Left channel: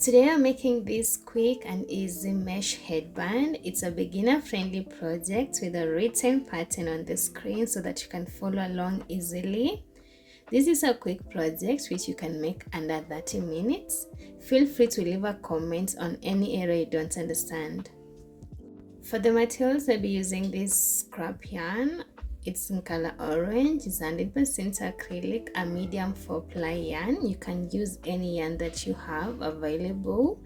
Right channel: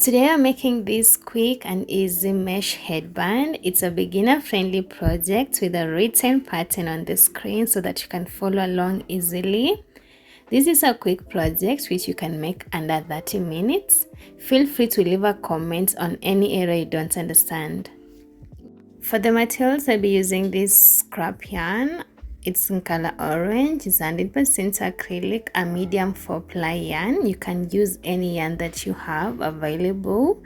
Today I'm making this quick and easy mesh headband. It's a beginner-friendly project with a written pattern on the screen so that you can follow along easily. This is a quick project which you can make under 30 minutes. Feel free to leave a comment on any area you don't understand. For the materials, I'll be using this scrap yarn. It's in color orange. It's 100% acrylic, a medium 4-ply yarn. You can use any yarn that you have available,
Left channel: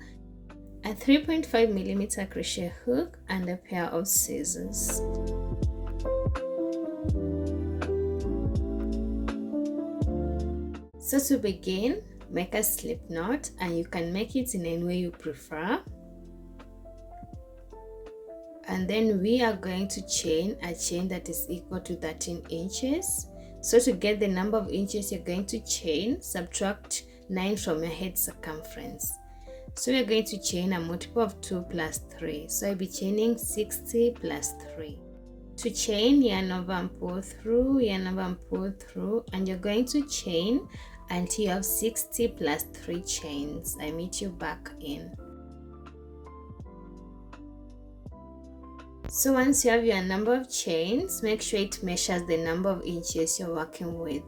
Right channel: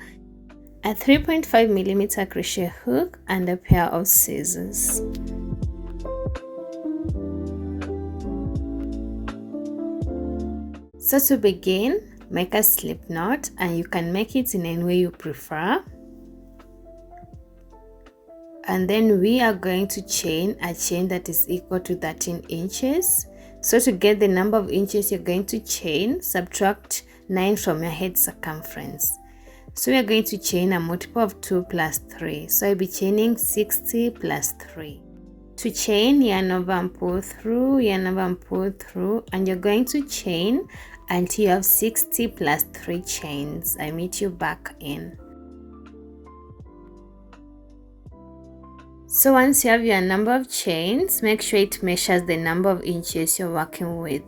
a 3.5mm crochet hook, and a pair of scissors. So to begin, make a slip knot, and you can make it in any way you prefer. And then we are going to chain a chain that is equal to 13 inches. So to get the number of inches you're going to chain, subtract 9 from your head circumference. So we are going to chain a multiple of 2 plus 3. So I'll be chaining 60 plus 3. To chain, yarn over and pull through, yarn over and pull through, and you're going to chain until you have 60 plus 3 chains. I meet you back in. So once you have your number of chains, make sure it measures the number of inches you're working with.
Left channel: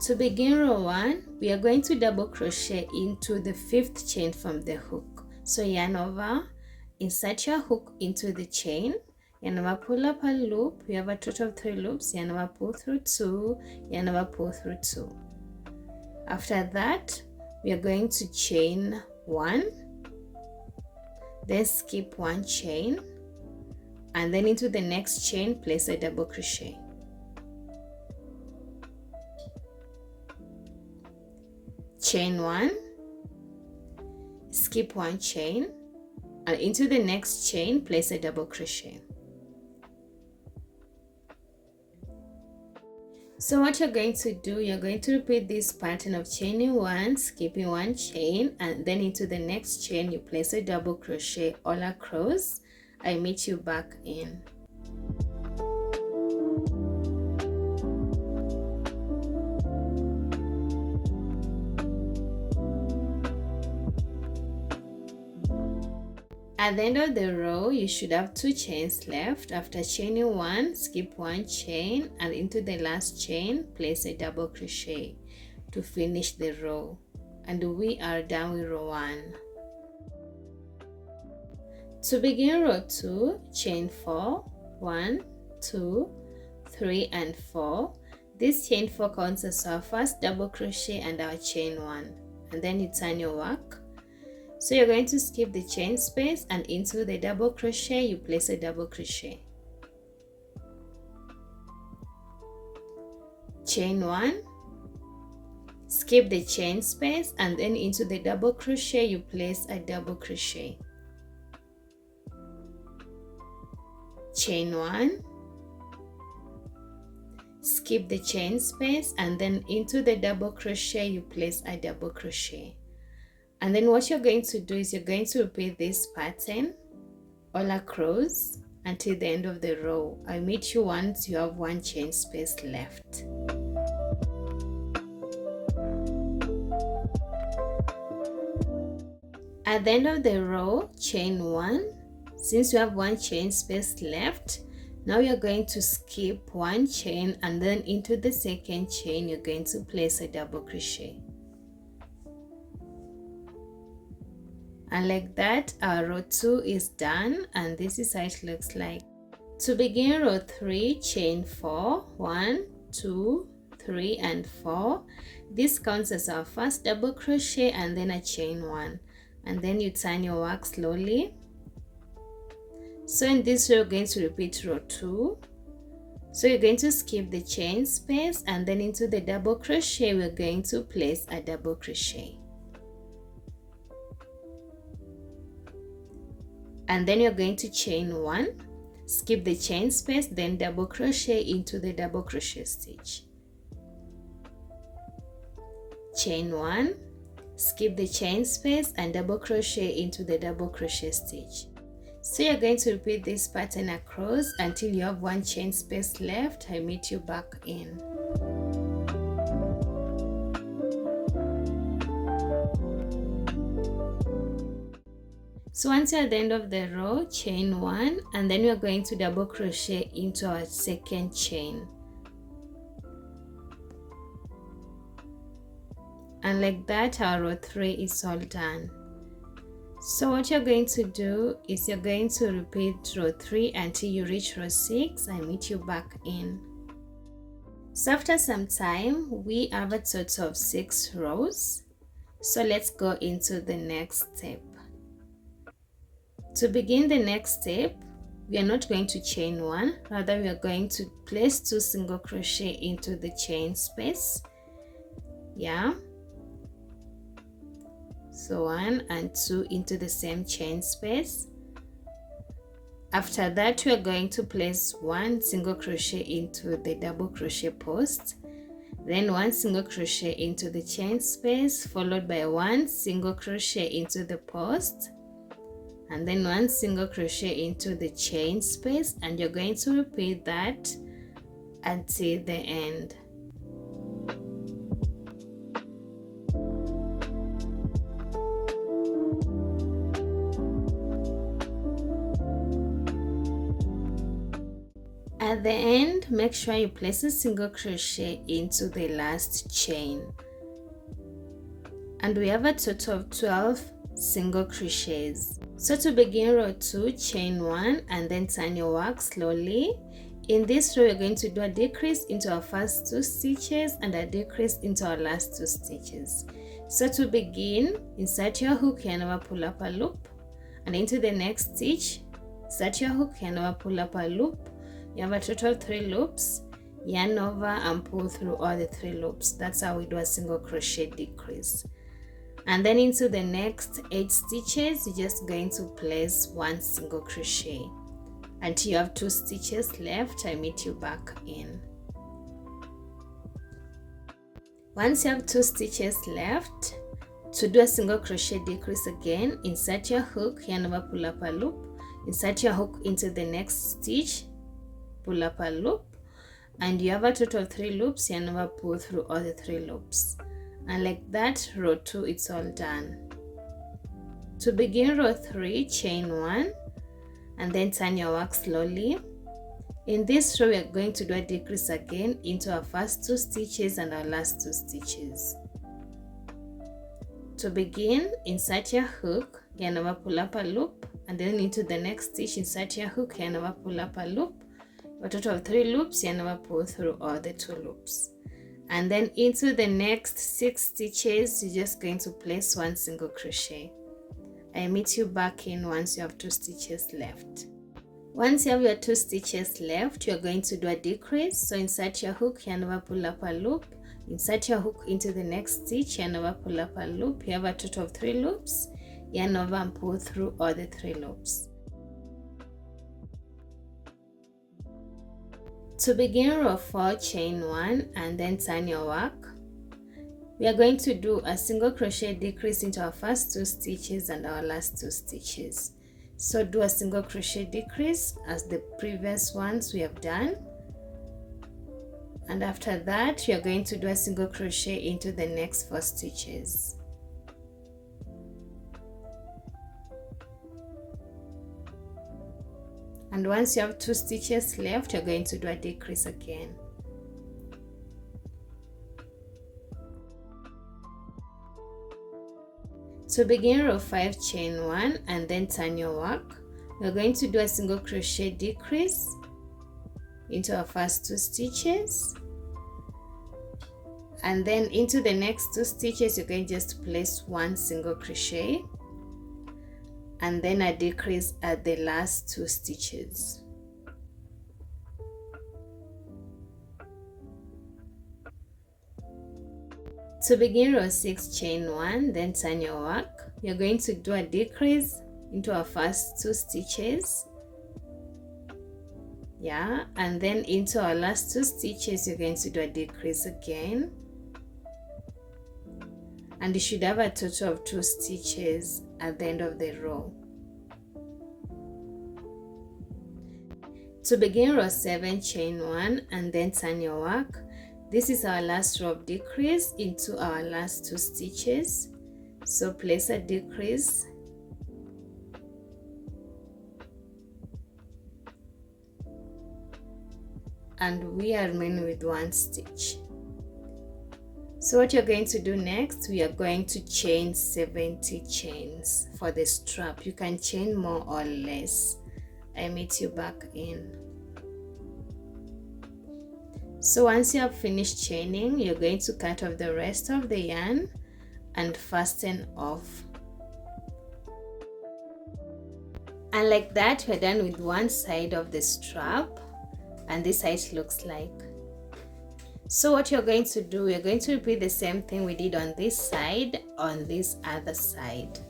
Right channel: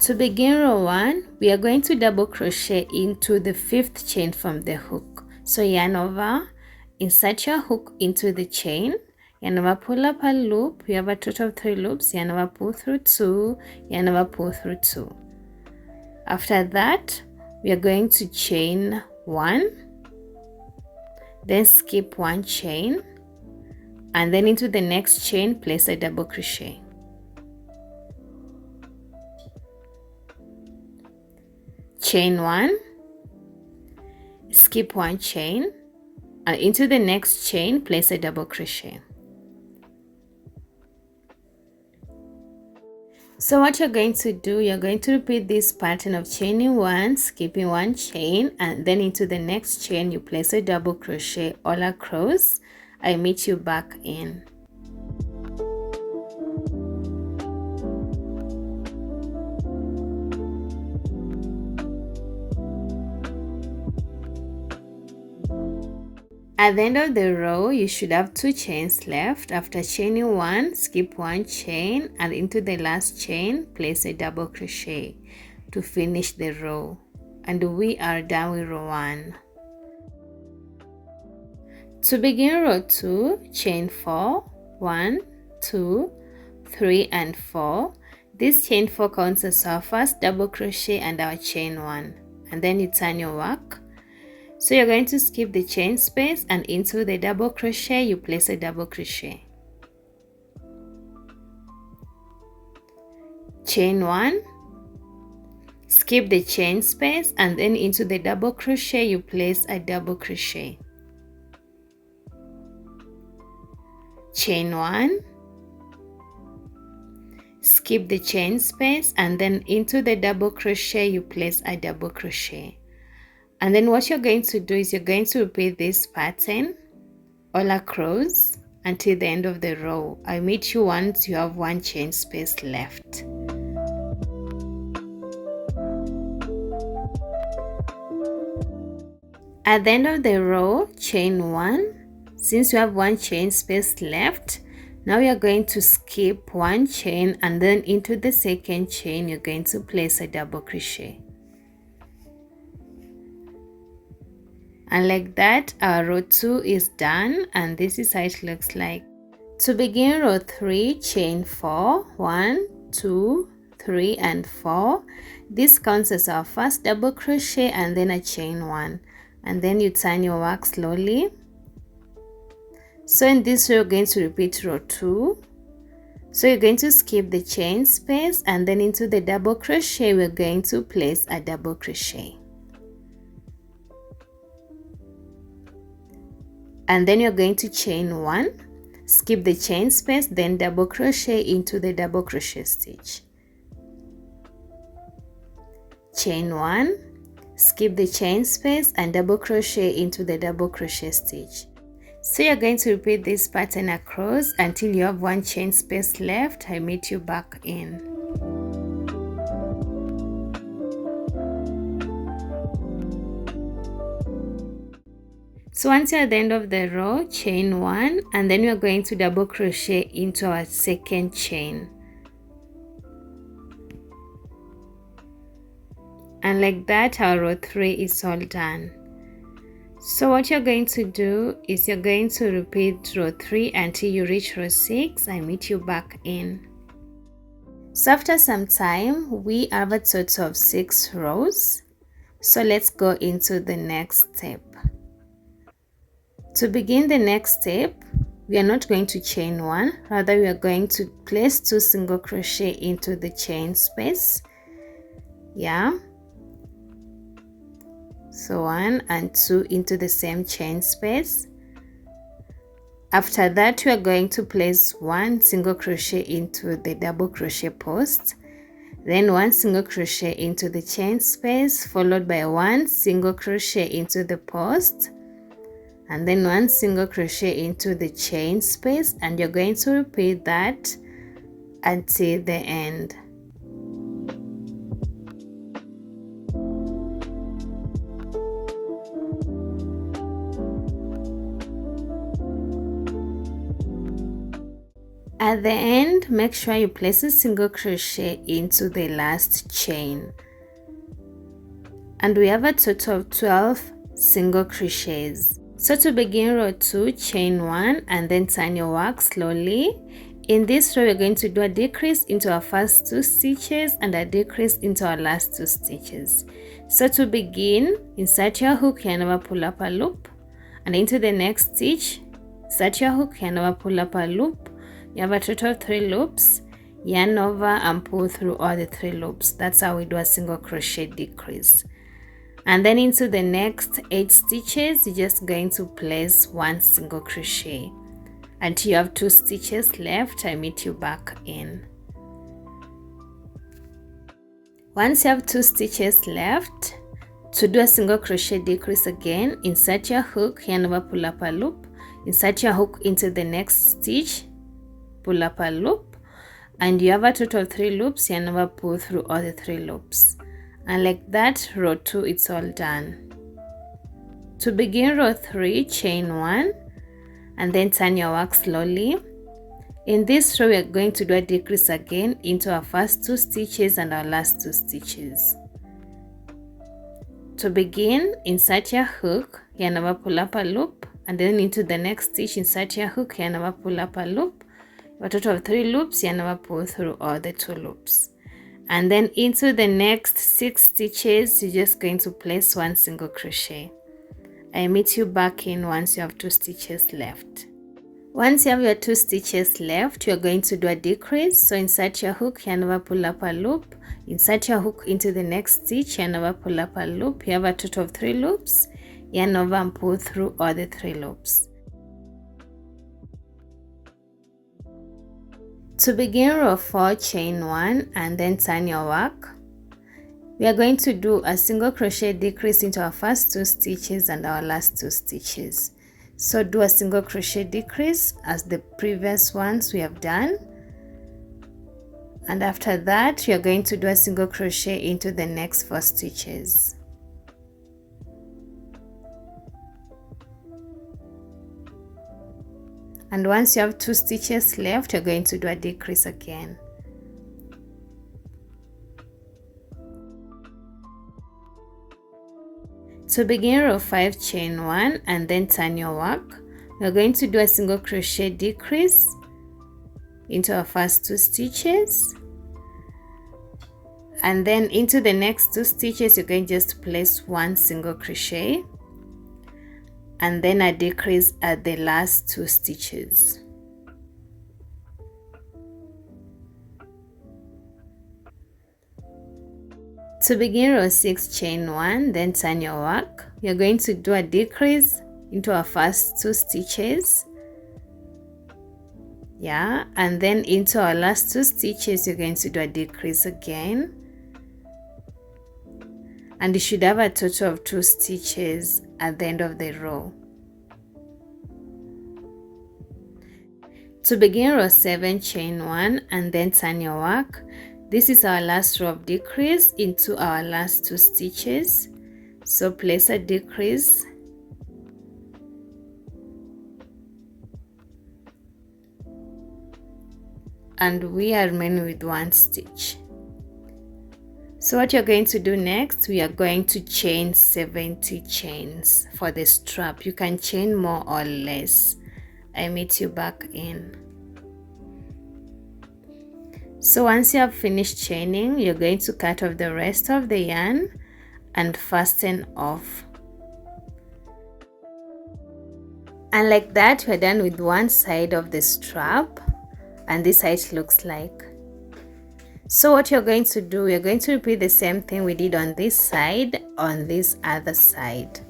To begin row 1, we are going to double crochet into the 5th chain from the hook. So yarn over, insert your hook into the chain, yarn over, pull up a loop. We have a total of 3 loops, yarn over, pull through 2, yarn over, pull through 2. After that, we are going to chain 1, then skip 1 chain, and then into the next chain place a double crochet. Chain 1, skip 1 chain, and into the next chain place a double crochet. So what you're going to do, you're going to repeat this pattern of chaining 1, skipping 1 chain, and then into the next chain you place a double crochet all across. I meet you back in. At the end of the row, you should have 2 chains left. After chaining 1, skip 1 chain, and into the last chain, place a double crochet to finish the row. And we are done with row 1. To begin row 2, chain 4, 1, 2, 3, and 4. This chain 4 counts as our first double crochet and our chain 1. And then you turn your work. So you're going to skip the chain space, and into the double crochet you place a double crochet. Chain 1, skip the chain space, and then into the double crochet you place a double crochet. Chain 1, skip the chain space, and then into the double crochet you place a double crochet. And then what you're going to do is you're going to repeat this pattern all across until the end of the row. I meet you once you have 1 chain space left. At the end of the row, chain 1. Since you have 1 chain space left, now you're going to skip 1 chain, and then into the second chain you're going to place a double crochet. And like that, our row 2 is done, and this is how it looks like. To begin row 3, chain 4, 1, 2, 3, and 4. This counts as our first double crochet and then a chain 1. And then you turn your work slowly. So in this row, you're going to repeat row 2. So you're going to skip the chain space, and then into the double crochet, we're going to place a double crochet. And then you're going to chain 1, skip the chain space, then double crochet into the double crochet stitch. Chain 1, skip the chain space, and double crochet into the double crochet stitch. So you're going to repeat this pattern across until you have 1 chain space left. I meet you back in. So once you're at the end of the row, chain 1, and then we're going to double crochet into our second chain. And like that, our row 3 is all done. So what you're going to do is you're going to repeat row 3 until you reach row 6 and meet you back in. So after some time, we have a total of 6 rows. So let's go into the next step. To begin the next step, we are not going to chain 1, rather we are going to place 2 single crochet into the chain space. Yeah. So 1 and 2 into the same chain space. After that, we are going to place 1 single crochet into the double crochet post, then 1 single crochet into the chain space, followed by 1 single crochet into the post, and then 1 single crochet into the chain space, and you're going to repeat that until the end. At the end, make sure you place a single crochet into the last chain. And we have a total of 12 single crochets. So to begin row 2, chain 1 and then turn your work slowly. In this row, we're going to do a decrease into our first 2 stitches and a decrease into our last 2 stitches. So to begin, insert your hook and over pull up a loop, and into the next stitch, insert your hook and over pull up a loop. You have a total of 3 loops, yarn over and pull through all the 3 loops. That's how we do a single crochet decrease. And then into the next 8 stitches, you're just going to place 1 single crochet until you have 2 stitches left. I meet you back in. Once you have 2 stitches left, to do a single crochet decrease again, insert your hook, yarn over, pull up a loop, insert your hook into the next stitch, pull up a loop, and you have a total of 3 loops, yarn over, pull through all the 3 loops. And like that, row 2 it's all done. To begin row 3, chain 1 and then turn your work slowly. In this row, we are going to do a decrease again into our first 2 stitches and our last 2 stitches. To begin, insert your hook, yarn over, pull up a loop, and then into the next stitch, insert your hook, yarn over, pull up a loop. A total of 3 loops, yarn over, pull through all the 2 loops. And then into the next 6 stitches, you're just going to place 1 single crochet. I meet you back in once you have 2 stitches left. Once you have your 2 stitches left, you're going to do a decrease. So insert your hook, yarn over, pull up a loop, insert your hook into the next stitch, yarn over, pull up a loop. You have a total of 3 loops, yarn over and pull through all the 3 loops. To begin row 4, chain 1 and then turn your work. We are going to do a single crochet decrease into our first 2 stitches and our last 2 stitches. So do a single crochet decrease as the previous ones we have done. And after that, we are going to do a single crochet into the next 4 stitches. And once you have 2 stitches left, you're going to do a decrease again. To begin row 5, chain 1 and then turn your work. We're going to do a single crochet decrease into our first 2 stitches. And then into the next 2 stitches, you're going just to place 1 single crochet. And then a decrease at the last 2 stitches. To begin row 6, chain 1, then turn your work. You're going to do a decrease into our first 2 stitches. Yeah, and then into our last 2 stitches, you're going to do a decrease again. And you should have a total of 2 stitches at the end of the row. To begin row 7, chain 1 and then turn your work. This is our last row of decrease into our last 2 stitches. So place a decrease and we are remaining with 1 stitch. So what you're going to do next, we are going to chain 70 chains for the strap. You can chain more or less. I meet you back in. So once you have finished chaining, you're going to cut off the rest of the yarn and fasten off. And like that, we're done with one side of the strap, and this side looks like. So what you're going to do, we're going to repeat the same thing we did on this side on this other side.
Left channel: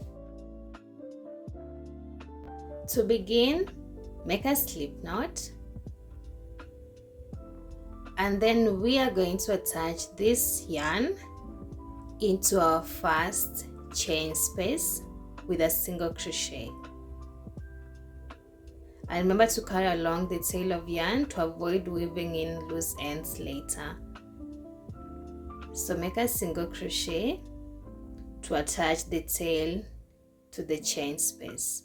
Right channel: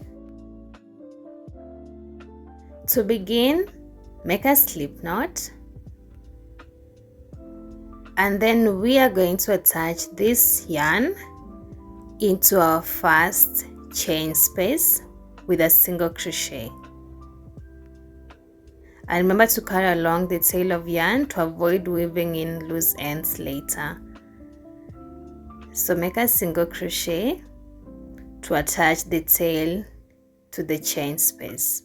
To begin, make a slip knot, and then we are going to attach this yarn into our first chain space with a single crochet. And remember to carry along the tail of yarn to avoid weaving in loose ends later. So make a single crochet to attach the tail to the chain space.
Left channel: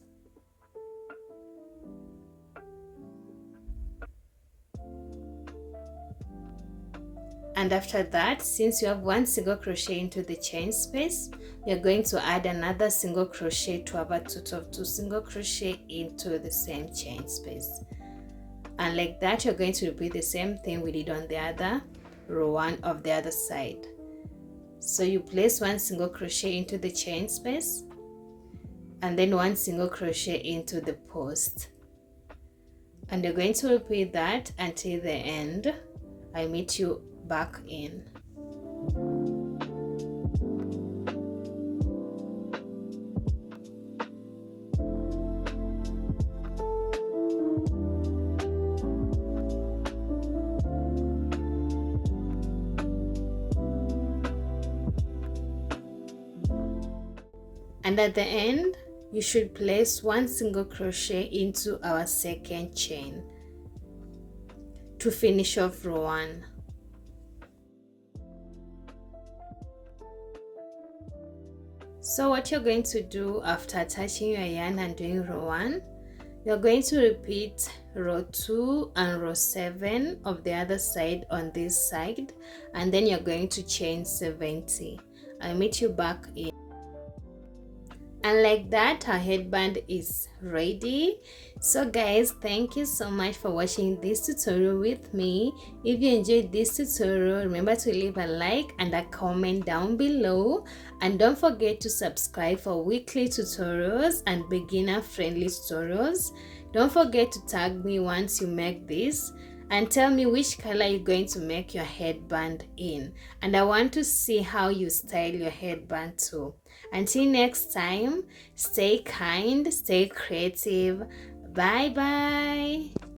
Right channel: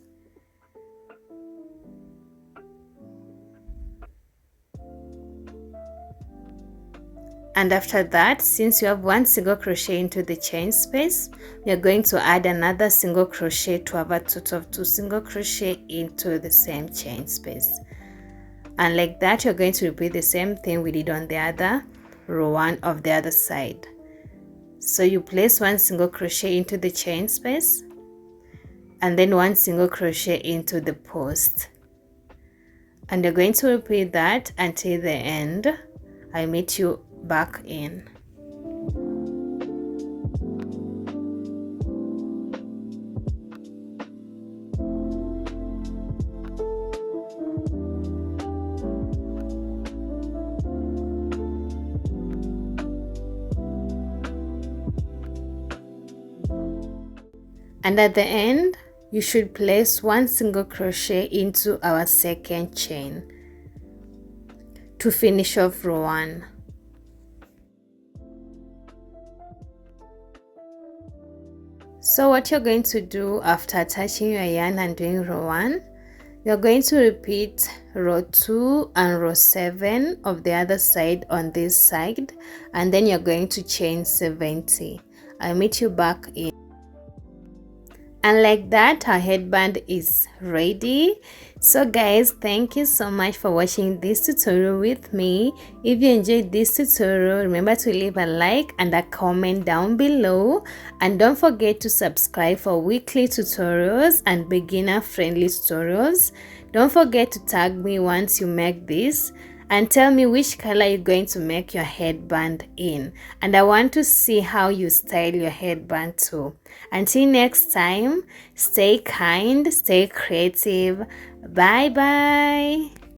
And after that, since you have one single crochet into the chain space, we are going to add another single crochet to have a total of 2 single crochet into the same chain space. And like that, you're going to repeat the same thing we did on the other row 1 of the other side. So you place 1 single crochet into the chain space and then 1 single crochet into the post. And you're going to repeat that until the end. I meet you back in. And at the end, you should place 1 single crochet into our second chain to finish off row 1. So what you're going to do after attaching your yarn and doing row 1, you're going to repeat row 2 and row 7 of the other side on this side, and then you're going to chain 70. I'll meet you back in. And like that, our headband is ready. So guys, thank you so much for watching this tutorial with me. If you enjoyed this tutorial, remember to leave a like and a comment down below, and don't forget to subscribe for weekly tutorials and beginner friendly tutorials. Don't forget to tag me once you make this and tell me which color you're going to make your headband in, and I want to see how you style your headband too. Until next time, stay kind, stay creative. Bye bye.